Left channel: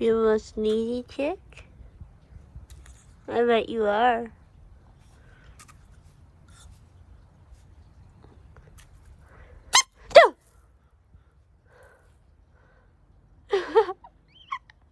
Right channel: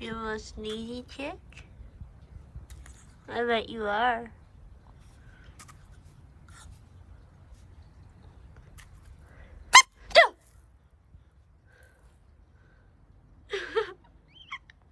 You a sneaky chick? I bet you are.